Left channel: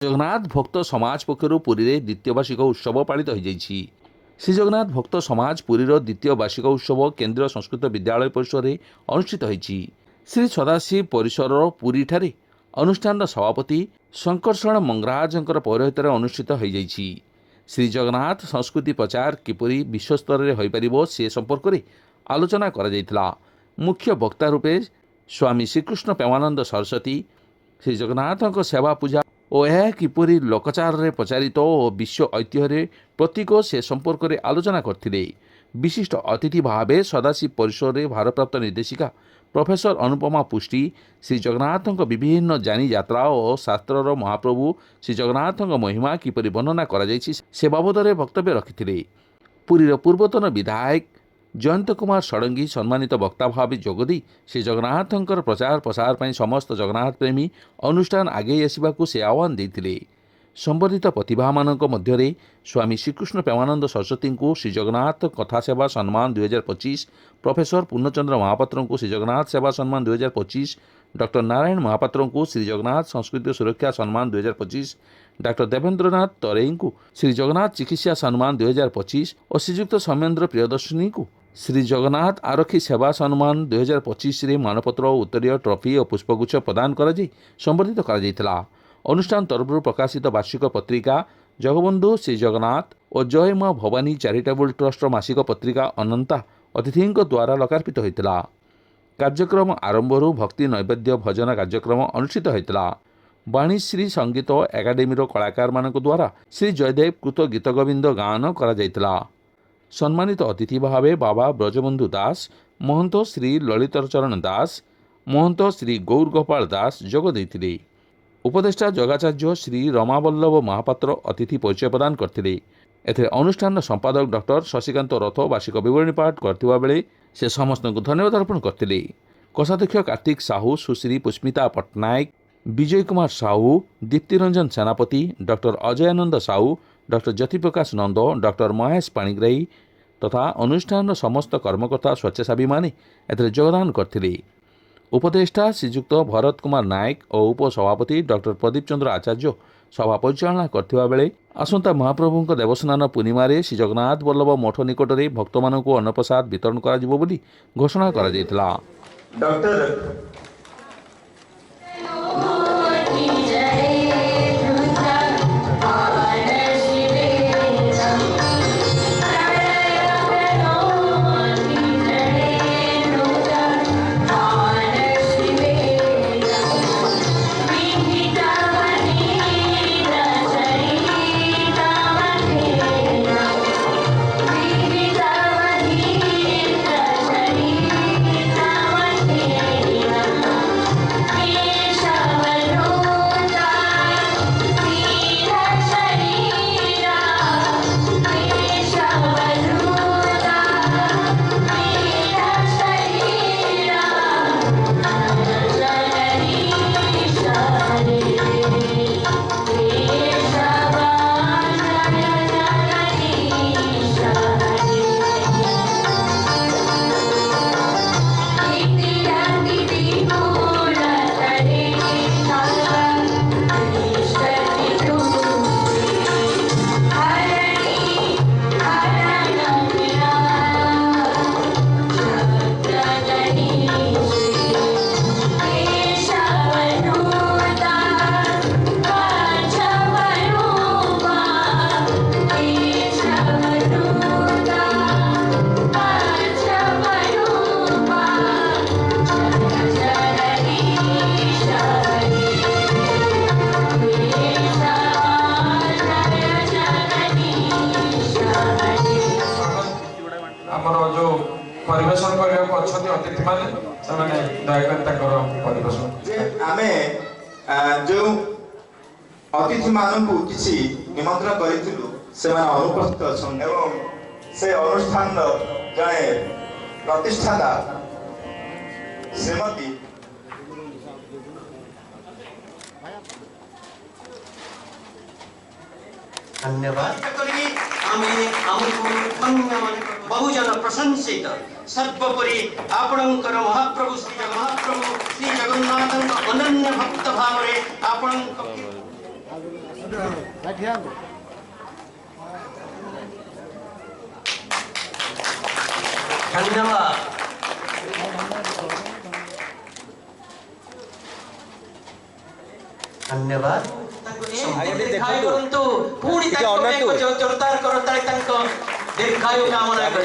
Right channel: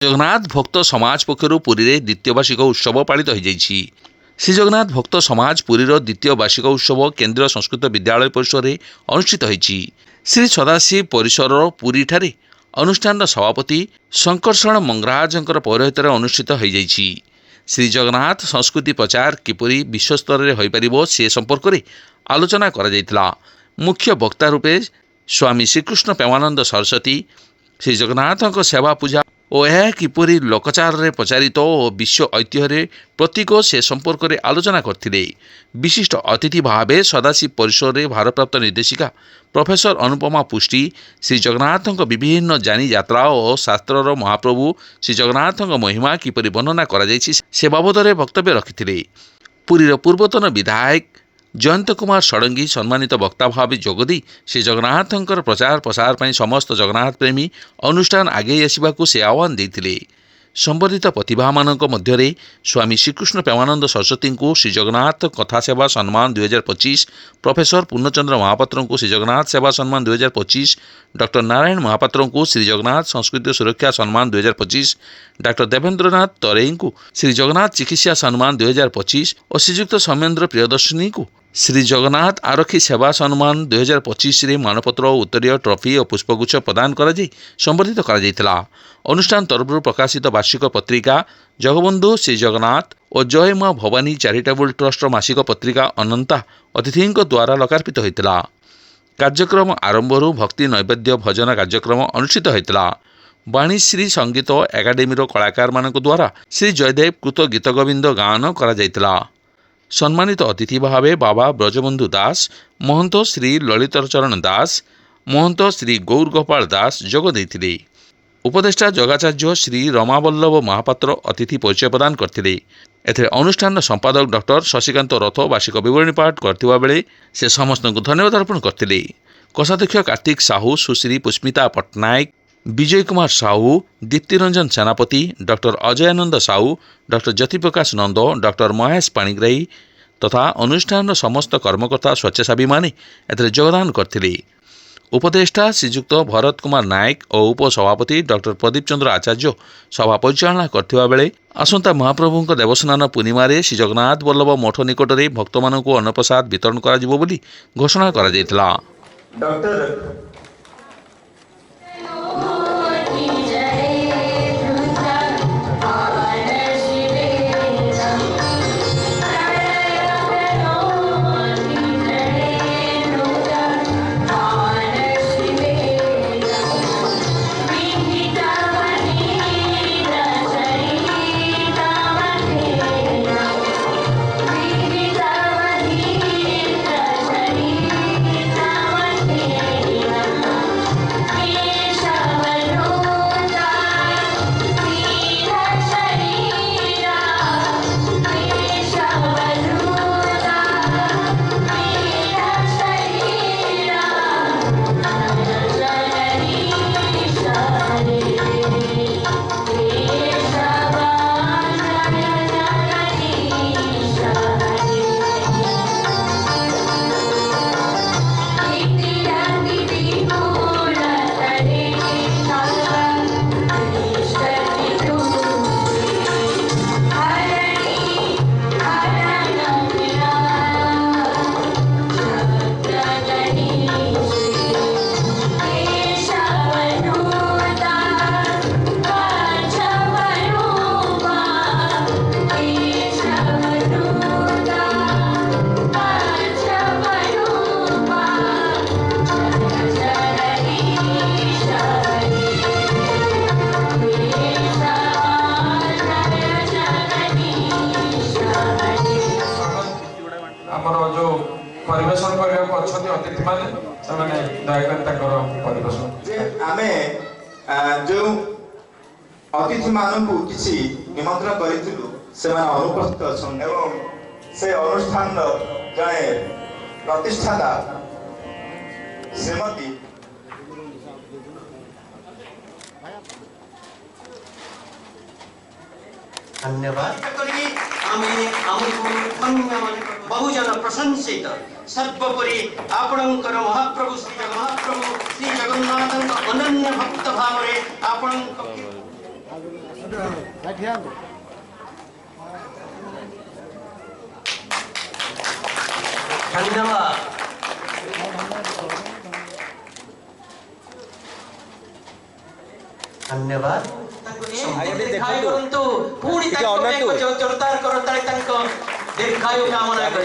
जगन्नाथ भक्त समाज पक्षर पुरी में द्वितीय वार्षिक उत्सव पालित हो जाइछि। श्री जगन्नाथ भक्त समाज पुरीर द्वितीय वार्षिक उत्सव केन्द्रीय संस्कृत विद्यालय परिसर में अनुष्ठित होइछि। श्री सदाशिव परिसर पुरी ठारे अनुष्ठान सभापति शंकरशरण मंगराजंकर पौरोहित्य अनुष्ठित हो जाइछि। श्री जगन्नाथ संस्कृति प्रचार किपरि विश्वस्तर में हो पारिबो से संपर्क में आलोचना करा जायतिला। मुख्य वक्ता रूपे स्वामी श्रीकृष्ण प्रेमानंद सरस्वती श्री जगन्नाथ सेवा पूजा और यह किपरि लोकचार रे प्रचारित और विश्व ऐतिह्य प्रतीक से संपर्क में आलोचना करथिले। विशिष्ट अतिथि भावे सदाशिव परिसर में भारप्राप्त निर्देशिका प्रोफेसर अनुपमा पुष्टि श्री जगन्नाथ विभिन्न जानी यात्रा और शास्त्रर महाप्रभु श्री जगन्नाथ महिमा किपरि वर्णना करा जायछि से बाबद में वक्तव्य रखिथिले। पुरीर पूर्वतन विधायक जयंत कुमार षडंगी सम्मानित वक्ता भाव जोगदी श्री जगन्नाथ प्रचार प्रसार पर समस्त जगन्नाथ प्रेमी अनुष्ठान आगे आसवाक से आह्वान देते। संबर्धित प्रतिभा मानक मध्य स्वामी श्रीकृष्ण प्रेमानंद सरस्वती को श्री जगन्नाथ कथा सेवा सम्मान 2025, प्रोफेसर पूर्णचंद्र महापात्र को श्री जगन्नाथ सेवा सम्मान 2025, डॉक्टर नारायण महापात्र को श्री जगन्नाथ संस्कृति सुरक्षा सम्मान 2025, डॉक्टर देवेंद्रनाथ तरेई को श्री जगन्नाथ चिकित्सा सम्मान 2025 और श्रीयुक्त सौमेन्द्र प्रियदर्शनी को श्री जगन्नाथ आरक्षी सेवा सम्मान 2025 रे मानपत्र उत्तरीय ट्रॉफी और पुष्पगुच्छ प्रदान कर संबर्धित कर अनुष्ठान तरफ प्रकाशित वार्षिक पत्रिका जगबंधु श्री जगन्नाथ और जय माँ भवानी चैरिटेबल ट्रस्ट मासिक पत्रिका अनंता अतिथि द्वारा लोकार्पित होता। कार्यक्रम आरंभ भक्ति नैवेद्य भजन कार्यक्रम अनुष्ठित होता। वाणीश्री संगीत एकाडेमी कलाकार मानक द्वारा श्री जयदेव कृत गीत गोविंद गान करा जायतिला। सम्मानित अतिथि भावे बाबा ब्रजबंधु दास, महंत श्री ललितचरण दास, महंत श्री गौर गोपाल दास जोग देथिले। उपदेष्टा जगाचार्य श्री रमावल्लभ महापात्र अतिथि परिचय प्रदान करथिले। एथिरे अनुष्ठान संपादक डॉक्टर शशिकांत रथ वार्षिक विवरणी पाठ करथिबा बेले से समस्त को धन्यवाद अर्पण करथिले। कोषाध्यक्ष कार्तिक साहू, सुश्री पुष्मिता पट्टनायक, विजय कुमार साहू, दीप्तिरंजन सेनापति, डॉक्टर अजयानंद साहू, डॉक्टर ज्योतिप्रकाश नंद, डॉक्टर महेश पाणिग्राही तथा अनुष्ठान समस्त कर्मकर्ता स्वेच्छासेवी माने एथिरे योगदान करथिले। उपदेष्टा श्रीयुक्त भरत कुमार नायक और उपसभापति डॉक्टर प्रदीप चंद्र आचार्य सभा परिचालना करथिबा बेले आसंता महाप्रभु देवस्नान पूर्णिमा श्री जगन्नाथ वल्लभ मठ निकट में भक्त मानक अन्नप्रसाद वितरण करा जिवो बोली घोषणा करा जायतिला। डॉक्टर जो परिवेशन करने अतिथि मैंने दयाकर परिवेशन आमे जो अतिथि मान को किसी निमंत्रण करिथिलु से अनुपस्थित अछन एवं से अनुष्ठान जड़े प्रतिष्ठाता श्रीमती धन्यवाद बहुजन प्रशंसित सर्वोपरि आपणकर महाप्रभु श्री जगन्नाथ अनन्य भक्त भाव ଧନ୍ୟବାଦ। ଧନ୍ୟବାଦ। ଦୀର୍ଘାୟୁ କରନ୍ତୁ। ପୁଣି ତାଙ୍କ ପାଇଁ ଜୋରଦାର କରତାଳି ତାଙ୍କ ଦୀର୍ଘାୟୁ କାମନା କରି